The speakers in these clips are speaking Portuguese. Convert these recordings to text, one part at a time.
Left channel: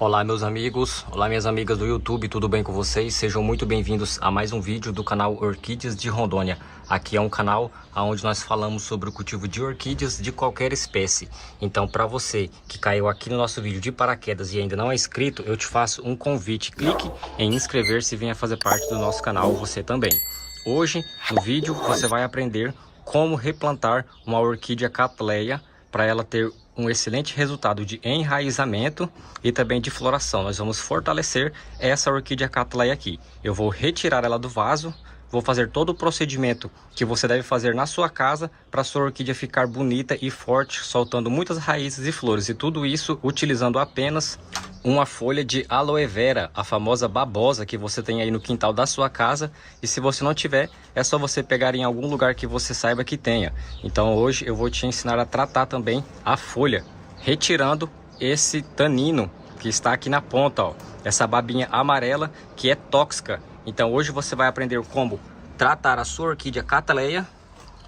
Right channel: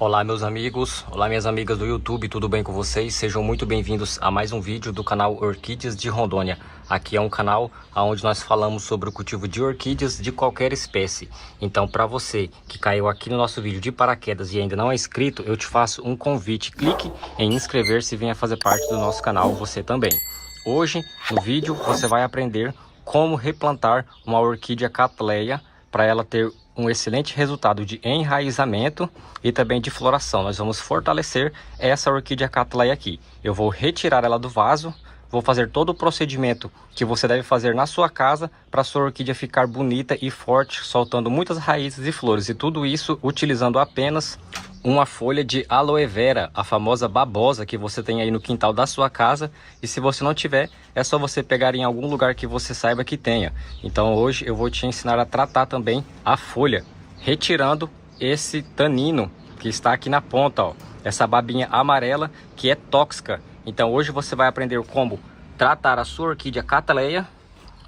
Olá meus amigos, olá minhas amigas do YouTube, tudo bem com vocês? Sejam muito bem-vindos a mais um vídeo do canal Orquídeas de Rondônia. Aqui é um canal onde nós falamos sobre o cultivo de orquídeas de qualquer espécie. Então, para você que caiu aqui no nosso vídeo de paraquedas e ainda não é inscrito, eu te faço um convite. Clique em inscrever-se e venha fazer parte do nosso canal você também. Hoje, no vídeo, você vai aprender como replantar uma orquídea Cattleya para ela ter um excelente resultado de enraizamento e também de floração. Nós vamos fortalecer essa orquídea Cattleya aqui. Eu vou retirar ela do vaso, vou fazer todo o procedimento que você deve fazer na sua casa para sua orquídea ficar bonita e forte, soltando muitas raízes e flores. E tudo isso utilizando apenas uma folha de aloe vera, a famosa babosa que você tem aí no quintal da sua casa. E se você não tiver, é só você pegar em algum lugar que você saiba que tenha. Então hoje eu vou te ensinar a tratar também a folha, retirando esse tanino que está aqui na ponta, ó, essa babinha amarela que é tóxica. Então hoje você vai aprender como tratar a sua orquídea Cattleya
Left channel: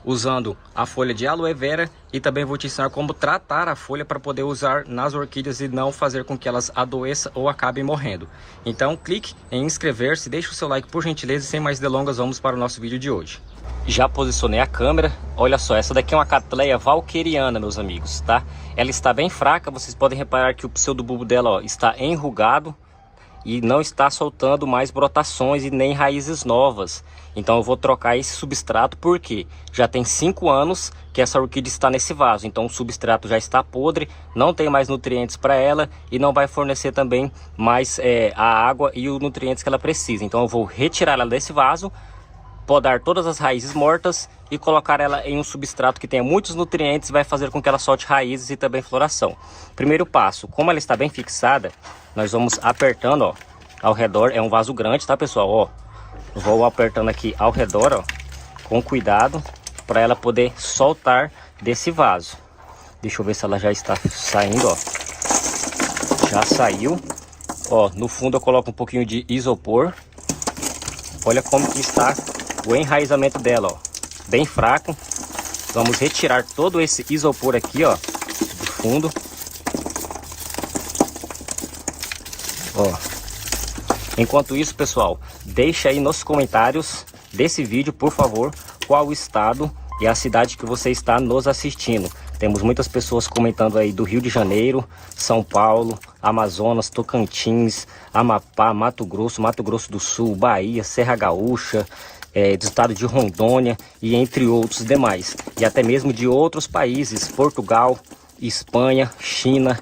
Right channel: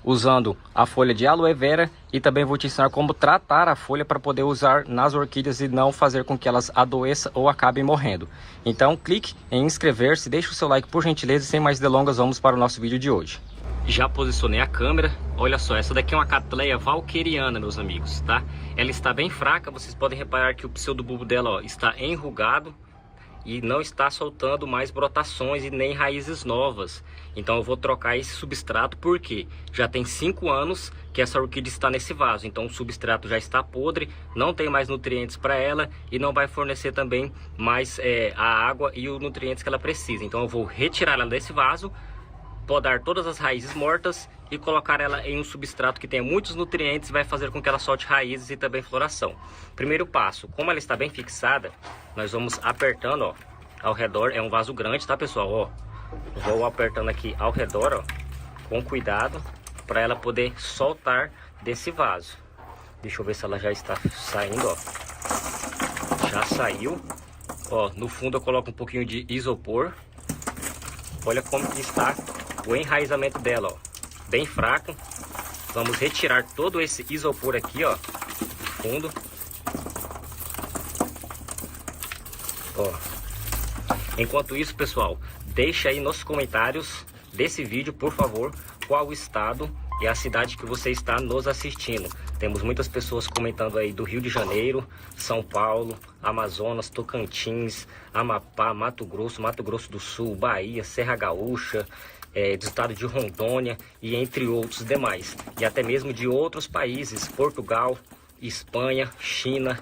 usando a folha de aloe vera, e também vou te ensinar como tratar a folha para poder usar nas orquídeas e não fazer com que elas adoeçam ou acabem morrendo. Então clique em inscrever-se, deixe o seu like por gentileza, e sem mais delongas vamos para o nosso vídeo de hoje. Já posicionei a câmera, olha só, essa daqui é uma Cattleya valqueriana, meus amigos, tá? Ela está bem fraca, vocês podem reparar que o pseudobulbo dela, ó, está enrugado e não está soltando mais brotações e nem raízes novas. Então eu vou trocar esse substrato porque já tem 5 anos que essa orquídea está nesse vaso. Então o substrato já está podre, não tem mais nutrientes para ela e não vai fornecer também mais a água e os nutrientes que ela precisa. Então eu vou retirar ela desse vaso, podar todas as raízes mortas e colocar ela em um substrato que tenha muitos nutrientes e vai fazer com que ela solte raízes e também floração. Primeiro passo, como ela está bem fixada, nós vamos apertando, ó, ao redor. É um vaso grande, tá, pessoal? Ó, vou apertando aqui ao redor, ó, com cuidado, para ela poder soltar desse vaso. Deixa eu ver se ela já está saindo, ó. Já saiu. Ó, no fundo eu coloco um pouquinho de isopor. Olha como que está o enraizamento dela, ó, bem fraco. Vamos retirar todo esse isopor aqui, ó, do fundo. Ó. Enquanto isso, pessoal, deixa aí nos comentários desse vídeo, por favor, qual o estado e a cidade que você está nos assistindo. Temos muitas pessoas comentando aí do Rio de Janeiro, São Paulo, Amazonas, Tocantins, Amapá, Mato Grosso do Sul, Bahia, Serra Gaúcha, do estado de Rondônia e entre outros demais. E até mesmo de outros países, Portugal, Espanha, China,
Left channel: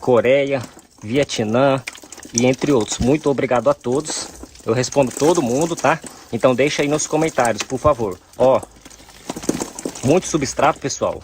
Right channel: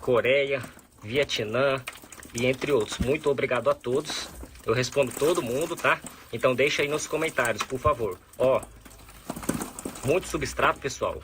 Coreia, Vietnã e entre outros. Muito obrigado a todos. Eu respondo todo mundo, tá? Então deixa aí nos comentários, por favor. Ó, muito substrato, pessoal.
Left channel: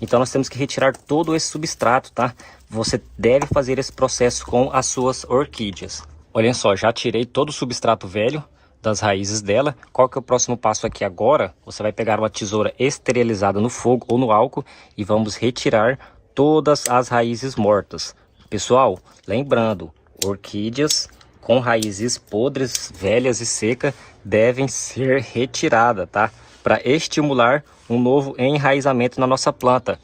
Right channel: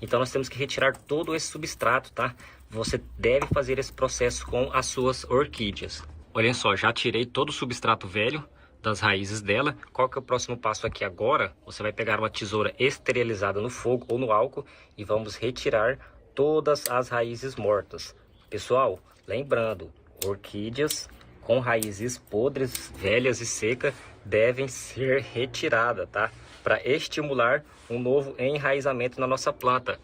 Então nós temos que retirar todo esse substrato, tá? Você deve fazer esse processo com as suas orquídeas. Olhem só, já tirei todo o substrato velho das raízes dela. Qual que é o próximo passo aqui agora? Você vai pegar uma tesoura esterilizada no fogo ou no álcool e vamos retirar todas as raízes mortas. Pessoal, lembrando, orquídeas com raízes podres, velhas e secas devem ser retiradas, tá? Para estimular um novo enraizamento na nossa planta.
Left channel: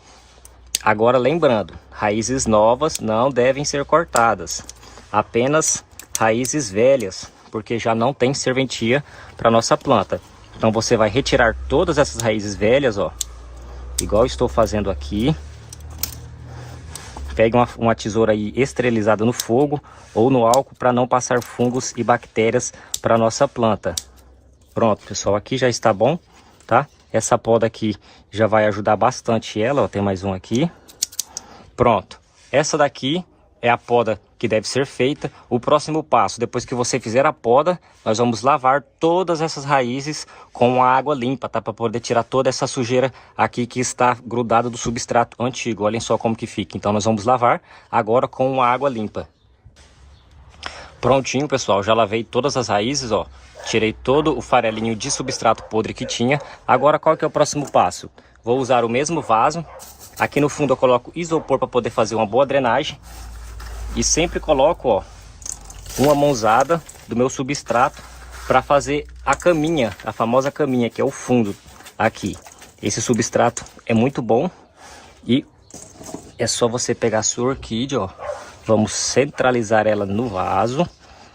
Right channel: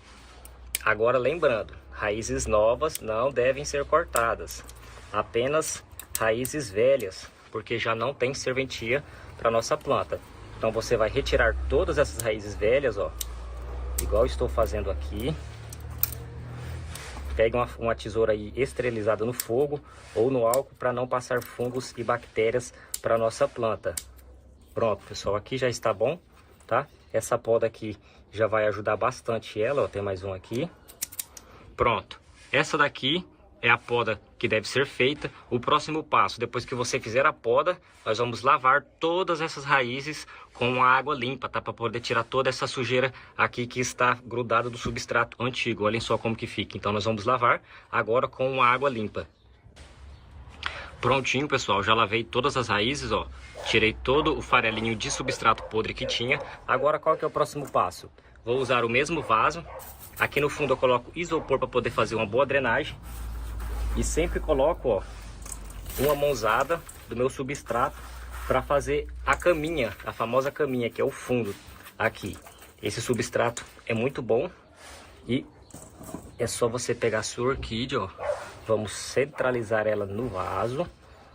Agora lembrando, raízes novas não devem ser cortadas, apenas raízes velhas, porque já não tem serventia para nossa planta. Então você vai retirar todas essas raízes velhas, ó, igual estou fazendo aqui. Pegue uma tesoura aí esterilizada no fogo ou no álcool para não passar fungos e bactérias para nossa planta. Pronto, pessoal, aqui já está bom, tá? Essa poda aqui já vai ajudar bastante ela, ó, tem mais um aqui. Pronto, essa daqui é a poda que deve ser feita. O próximo passo, depois que você fizer a poda, nós vamos lavar todas essas raízes com a água limpa, tá? Para poder tirar toda essa sujeira aqui que está grudada do substrato antigo. Olhem só como que fica. Então nós vamos lavar agora com a água limpa. Prontinho, pessoal, já lavei todas as raízes, ó. Tirei todo o farelinho de substrato podre que tinha. Agora qual que é o próximo passo? Vou usar o mesmo vaso. Aqui no fundo eu coloco isopor para poder fazer uma boa drenagem. E sempre coloco, ó, uma mãozada do meu substrato para fazer a caminha, a famosa caminha, que é o fundo aqui. Esse substrato é muito bom e é só você pegar a sua orquídea, ó, Vamos centralizar ela no vaso,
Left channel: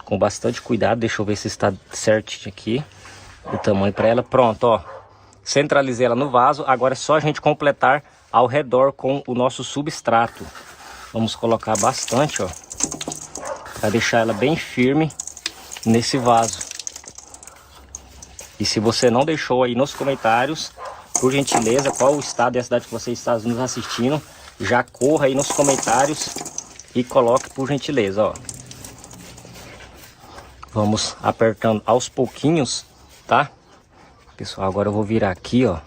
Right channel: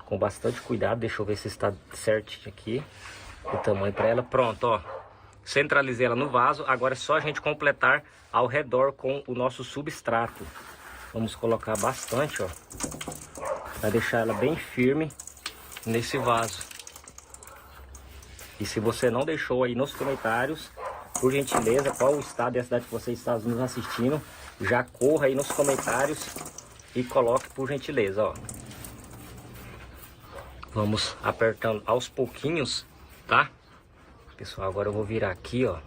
com bastante cuidado. Deixa eu ver se está certinho aqui o tamanho para ela. Pronto, ó. Centralizei ela no vaso. Agora é só a gente completar ao redor com o nosso substrato. Vamos colocar bastante, ó. Vai deixar ela bem firme nesse vaso. E se você não deixou aí nos comentários, por gentileza, qual o estado e a cidade que você está nos assistindo, já corra aí nos comentários e coloque por gentileza, ó. Vamos apertando aos pouquinhos, tá? Pessoal, agora eu vou virar aqui, ó,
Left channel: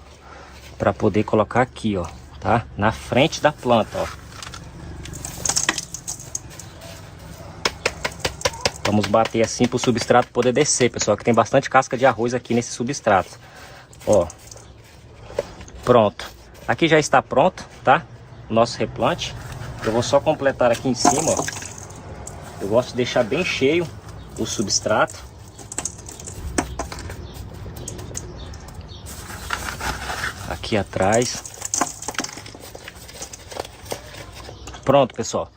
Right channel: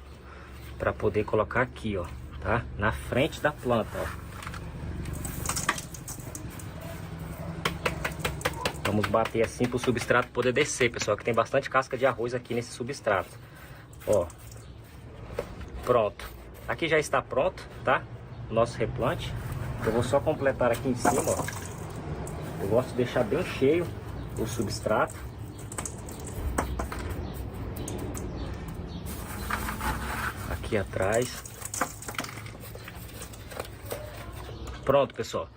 para poder colocar aqui, ó, tá? Na frente da planta, ó. Vamos bater assim para o substrato poder descer, pessoal, que tem bastante casca de arroz aqui nesse substrato. Ó. Pronto. Aqui já está pronto, tá? O nosso replante. Eu vou só completar aqui em cima, ó. Eu gosto de deixar bem cheio o substrato. Aqui atrás. Pronto, pessoal.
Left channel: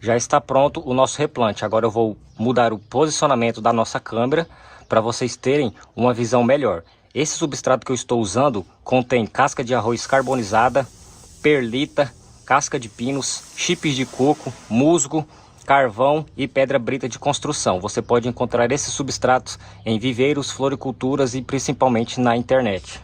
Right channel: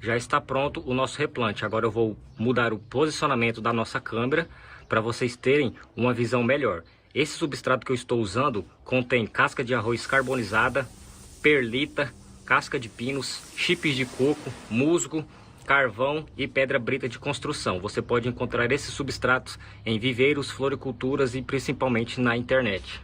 Já está pronto o nosso replante. Agora eu vou mudar o posicionamento da nossa câmera para vocês terem uma visão melhor. Esse substrato que eu estou usando contém casca de arroz carbonizada, perlita, casca de pinos, chips de coco, musgo, carvão e pedra brita de construção. Você pode encontrar esses substratos em viveiros, floriculturas e principalmente na internet.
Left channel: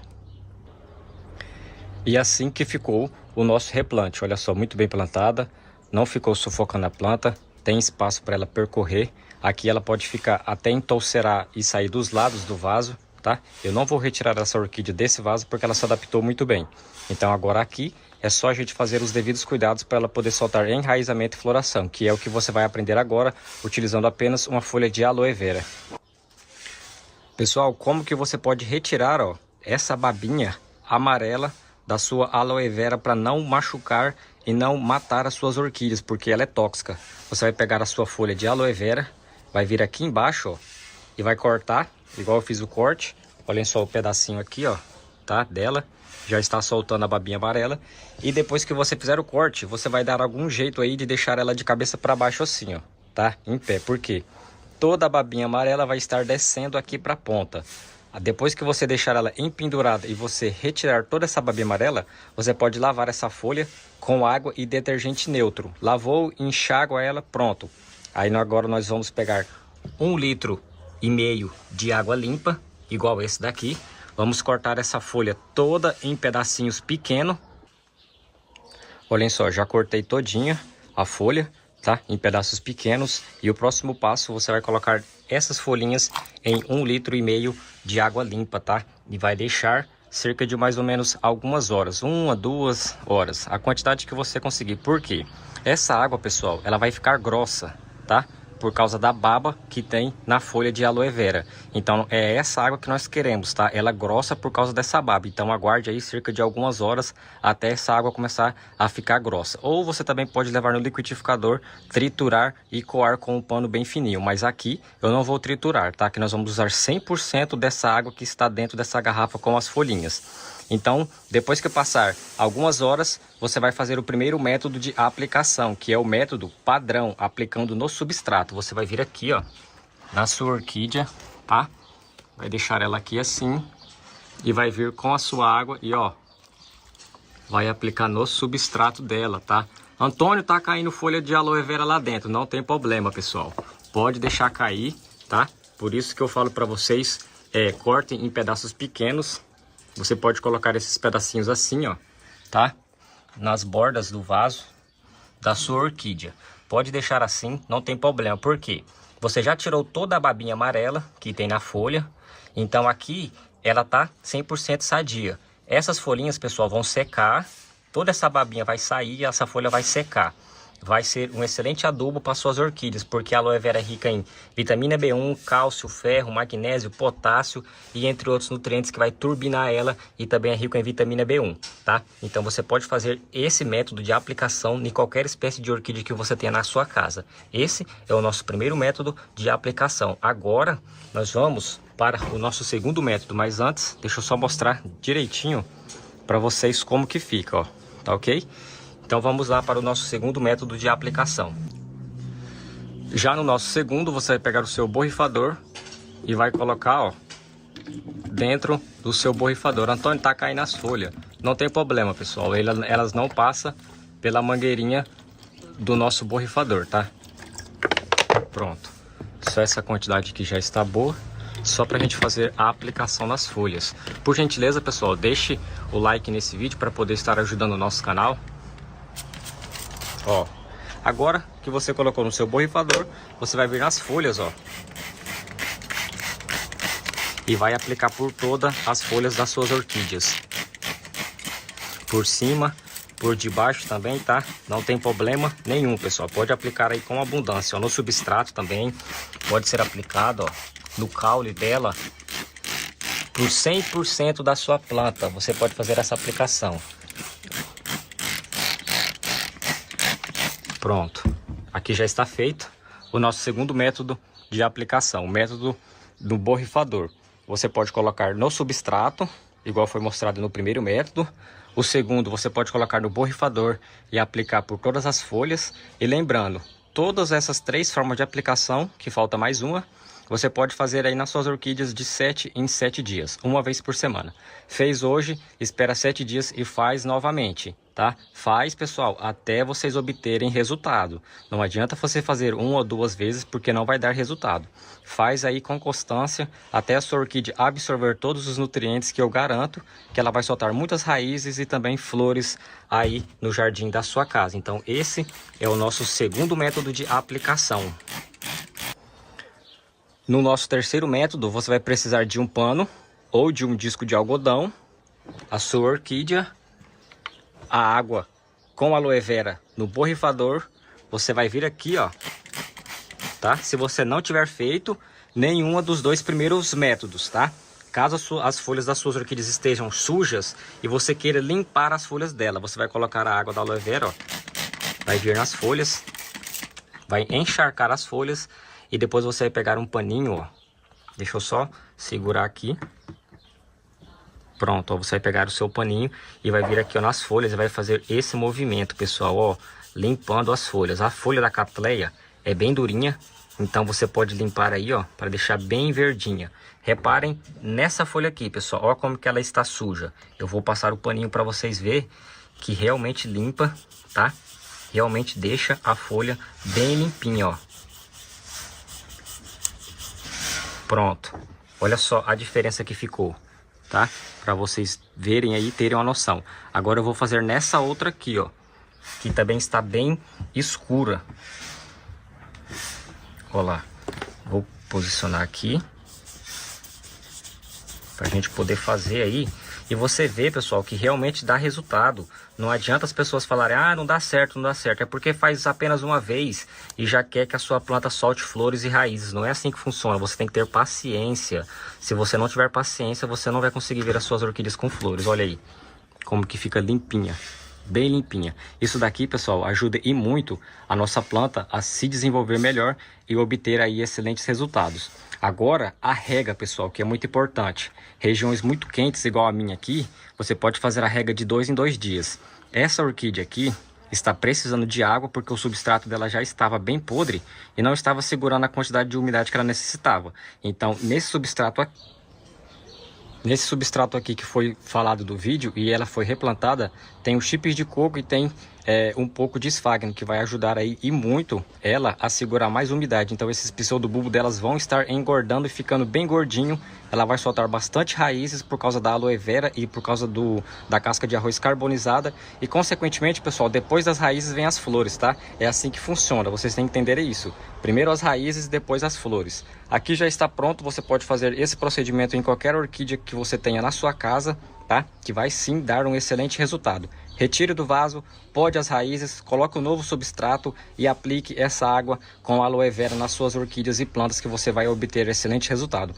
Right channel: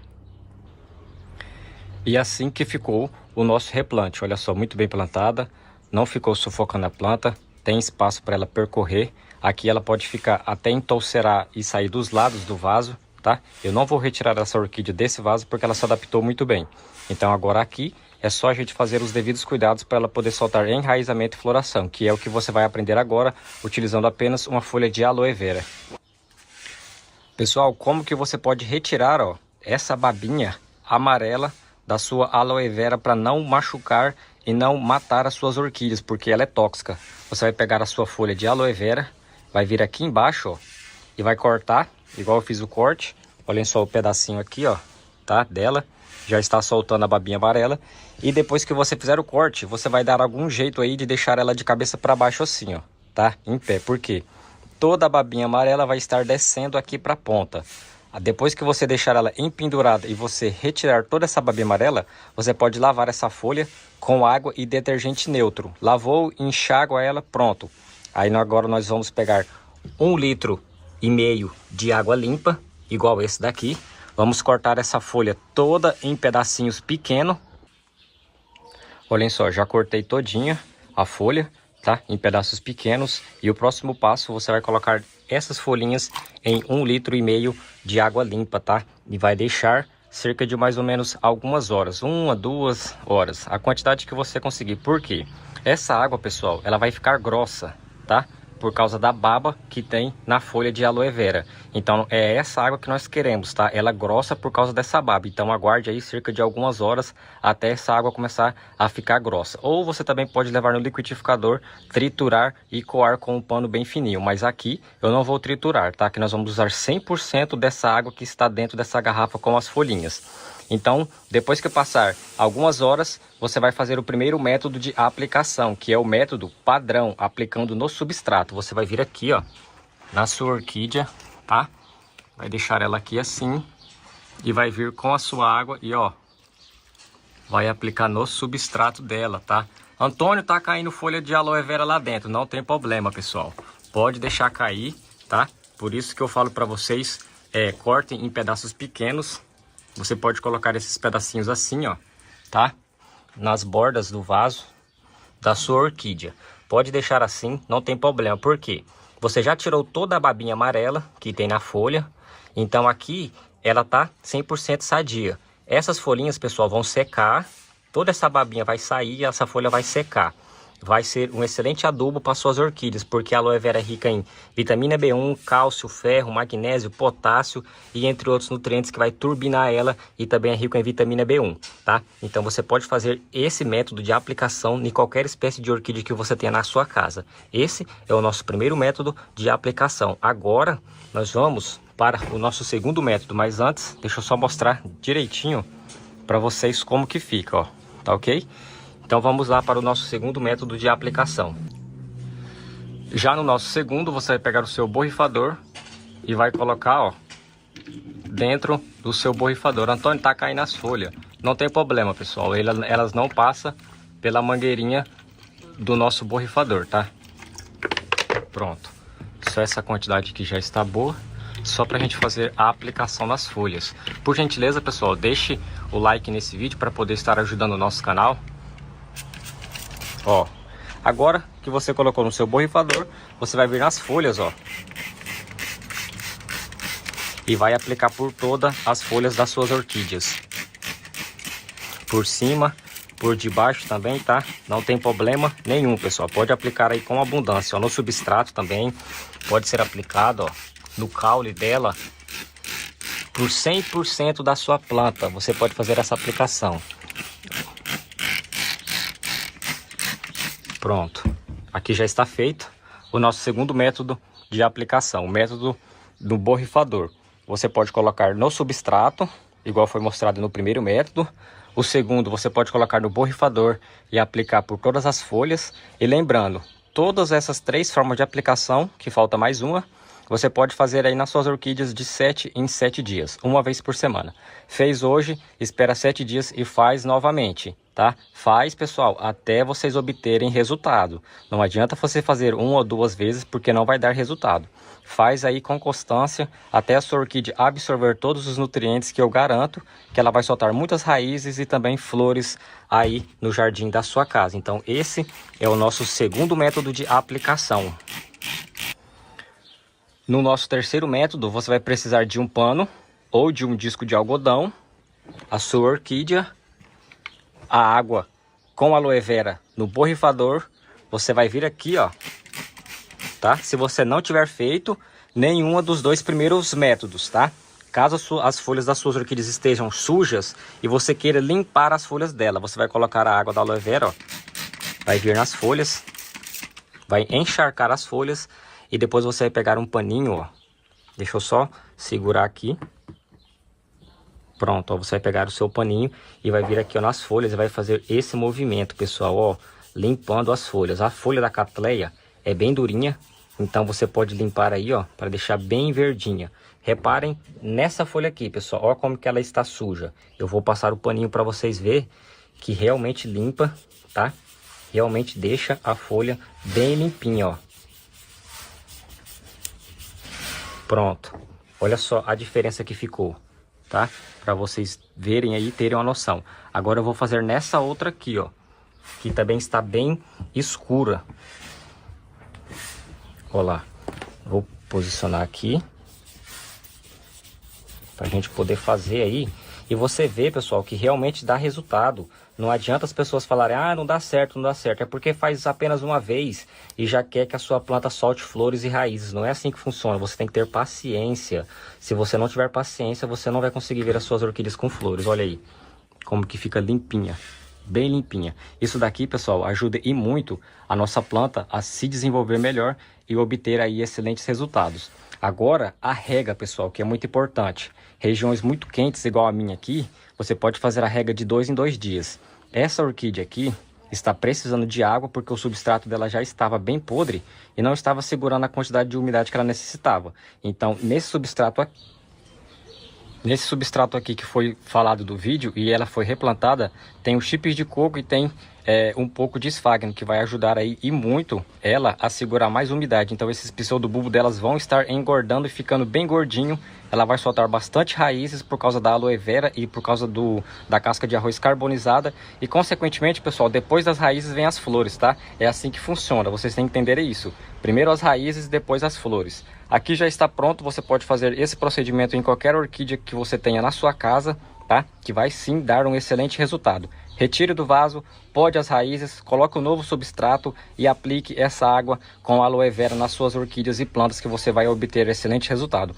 E assim que ficou o nosso replante. Olha só, muito bem plantada. Não ficou sufocando a planta, tem espaço para ela percorrer. Aqui ela pode ficar até entolcerar e sair dos lados do vaso, tá? Eu não vou retirar essa orquídea desse vaso porque ela se adaptou muito bem. Então agora aqui é só a gente fazer os devidos cuidados para ela poder soltar enraizamento e floração, que é o que você vai aprender agora, utilizando apenas uma folha de aloe vera. Pessoal, como que você pode retirar, ó, essa babinha amarela da sua aloe vera para não machucar e não matar as suas orquídeas, porque ela é tóxica. Você vai pegar a sua folha de aloe vera, vai vir aqui embaixo, ó, e vai cortar, igual eu fiz o corte. Olhem só o pedacinho aqui, ó, tá, dela. Já está soltando a babinha amarela. E depois que você fizer o corte, você vai dar algum jeito aí de deixar ela de cabeça para baixo assim, ó, tá, em pé. Por quê? Toda a babinha amarela vai estar descendo aqui para a ponta. Depois que você deixar ela empendurada e você retirar toda essa babinha amarela, você pode lavar essa folha com água e detergente neutro. Lavou, enxágua ela, pronto. Aí agora nós vamos pegar 1,5 litros de água limpa, igual esse daqui. Vamos cortar essa folha toda em pedacinhos pequenos. Olhem só, já cortei todinha a folha, tá? Em pedaços pequenos. E o próximo passo, você vai colocar essas folhinhas em 1,5 litros de água limpa, tá? E vai deixar cerca de mais ou menos algumas horas, 1 a 2 horas, a quantidade que você conseguir. Por quê? Essa água, pessoal, ela vai ficar grossa, tá? Por causa da baba que tem na folha de aloe vera. Então é essa água que nós queremos, tá? Ela é grossa por causa dessa baba. Então aguarde aí cerca de algumas horas até essa água começar a ficar grossa. Ou você também pode levar no liquidificador, triturar e coar com um pano bem fininho. Mas aqui eu não vou triturar, tá? Que nós vamos usar 100% dessa água que está dentro dessa garrafa com as folhinhas. Então, depois que passar algumas horas, você vai fazer o primeiro método de aplicação, que é o método padrão, aplicando no substrato. Você vai vir aqui, ó, na sua orquídea, tá? Vai deixar ela aqui assim e vai vir com a sua água e, ó, vai aplicar no substrato dela, tá? Antônio, tá caindo folha de aloe vera lá dentro, não tem problema, pessoal. Pode deixar cair, tá? Por isso que eu falo para vocês, cortem em pedaços pequenos. Você pode colocar esses pedacinhos assim, ó, tá? Nas bordas do vaso da sua orquídea. Pode deixar assim, não tem problema. Por quê? Você já tirou toda a babinha amarela que tem na folha. Então aqui ela tá 100% sadia. Essas folhinhas, pessoal, vão secar. Toda essa babinha vai sair e essa folha vai secar. Vai ser um excelente adubo para suas orquídeas, porque a aloe vera é rica em vitamina B1, cálcio, ferro, magnésio, potássio e entre outros nutrientes que vai turbinar ela, e também é rico em vitamina B1, tá? Então você pode fazer esse método de aplicação em qualquer espécie de orquídea que você tenha na sua casa. Esse é o nosso primeiro método de aplicação. Agora nós vamos para o nosso segundo método, mas antes deixa eu só mostrar direitinho para vocês como que fica, ó, tá ok? Então vamos lá para o nosso segundo método de aplicação. Já no nosso segundo, você vai pegar o seu borrifador e vai colocar, ó, dentro do seu borrifador. Antônio, tá caindo as folhas. Não tem problema, pessoal. Elas não passam pela mangueirinha do nosso borrifador, tá? Pronto. Só essa quantidade aqui já está boa. Só pra gente fazer a aplicação nas folhas. Por gentileza, pessoal, deixe o like nesse vídeo para poder estar ajudando o nosso canal. Ó, agora que você colocou no seu borrifador, você vai vir nas folhas, ó, e vai aplicar por todas as folhas das suas orquídeas. Por cima, por debaixo também, tá? Não tem problema nenhum, pessoal. Pode aplicar aí com abundância, ó. No substrato também pode ser aplicado, ó, no caule dela. Por 100% da sua planta, você pode fazer essa aplicação. Pronto. Aqui já está feito o nosso segundo método de aplicação, o método do borrifador. Você pode colocar no substrato, igual foi mostrado no primeiro método. O segundo, você pode colocar no borrifador e aplicar por todas as folhas. E lembrando, todas essas 3 formas de aplicação, que falta mais uma, você pode fazer aí nas suas orquídeas de 7 em 7 dias, uma vez por semana. Fez hoje, espera 7 dias e faz novamente, tá? Faz, pessoal, até vocês obterem resultado. Não adianta você fazer 1 ou 2 vezes, porque não vai dar resultado. Faz aí com constância, até a sua orquídea absorver todos os nutrientes, que eu garanto que ela vai soltar muitas raízes e também flores aí no jardim da sua casa. Então esse é o nosso segundo método de aplicação. No nosso terceiro método, você vai precisar de um pano ou de um disco de algodão, a sua orquídea, a água com aloe vera no borrifador. Você vai vir aqui, ó, tá? Se você não tiver feito nenhuma dos 2 primeiros métodos, tá? Caso as folhas das suas orquídeas estejam sujas e você queira limpar as folhas dela, você vai colocar a água da aloe vera, ó, vai vir nas folhas, vai encharcar as folhas. E depois você vai pegar um paninho, ó. Deixa eu só segurar aqui. Pronto, ó. Você vai pegar o seu paninho e vai vir aqui, ó, nas folhas e vai fazer esse movimento, pessoal, ó. Limpando as folhas. A folha da Cattleya é bem durinha. Então você pode limpar aí, ó, para deixar bem verdinha. Reparem nessa folha aqui, pessoal. Ó como que ela está suja. Eu vou passar o paninho para vocês verem que realmente limpa, tá? Realmente deixa a folha bem limpinha, ó. Pronto, olha só a diferença que ficou, tá? Para vocês verem aí, terem uma noção. Agora eu vou fazer nessa outra aqui, ó, que também está bem escura. Olha lá, vou posicionar aqui para a gente poder fazer aí. E você vê, pessoal, que realmente dá resultado. Não adianta as pessoas falarem, ah, não dá certo, não dá certo. É porque faz apenas uma vez e já quer que a sua planta solte flores e raízes. Não é assim que funciona, você tem que ter paciência. Se você não tiver paciência, você não vai conseguir ver as suas orquídeas com flores. Olha aí, como que fica limpinha, bem limpinha. Isso daqui, pessoal, ajuda e muito a nossa planta a se desenvolver melhor e obter aí excelentes resultados. Agora, a rega, pessoal, que é muito importante. Regiões muito quentes, igual a minha aqui, você pode fazer a rega de 2 em 2 dias. Essa orquídea aqui está precisando de água porque o substrato dela já estava bem podre e não estava segurando a quantidade de umidade que ela necessitava. Então, nesse substrato aqui que foi falado do vídeo e ela foi replantada, tem os chips de coco e tem um pouco de esfagno, que vai ajudar aí e muito ela a segurar mais umidade. Então esses pseudobulbos delas vão estar engordando e ficando bem gordinho. Ela vai soltar bastante raízes por causa da aloe vera e por causa da casca de arroz carbonizada. E consequentemente, pessoal, depois das raízes vem as flores, tá? É assim que funciona, vocês têm que entender isso. Primeiro as raízes, depois as flores. Aqui já está pronto, você pode fazer esse procedimento em qualquer orquídea que você tenha na sua casa, tá? Que vai sim dar um excelente resultado. Retire do vaso, pode as raízes, coloque o novo substrato e aplique essa água com aloe vera nas suas orquídeas e plantas, que você vai obter excelente resultado.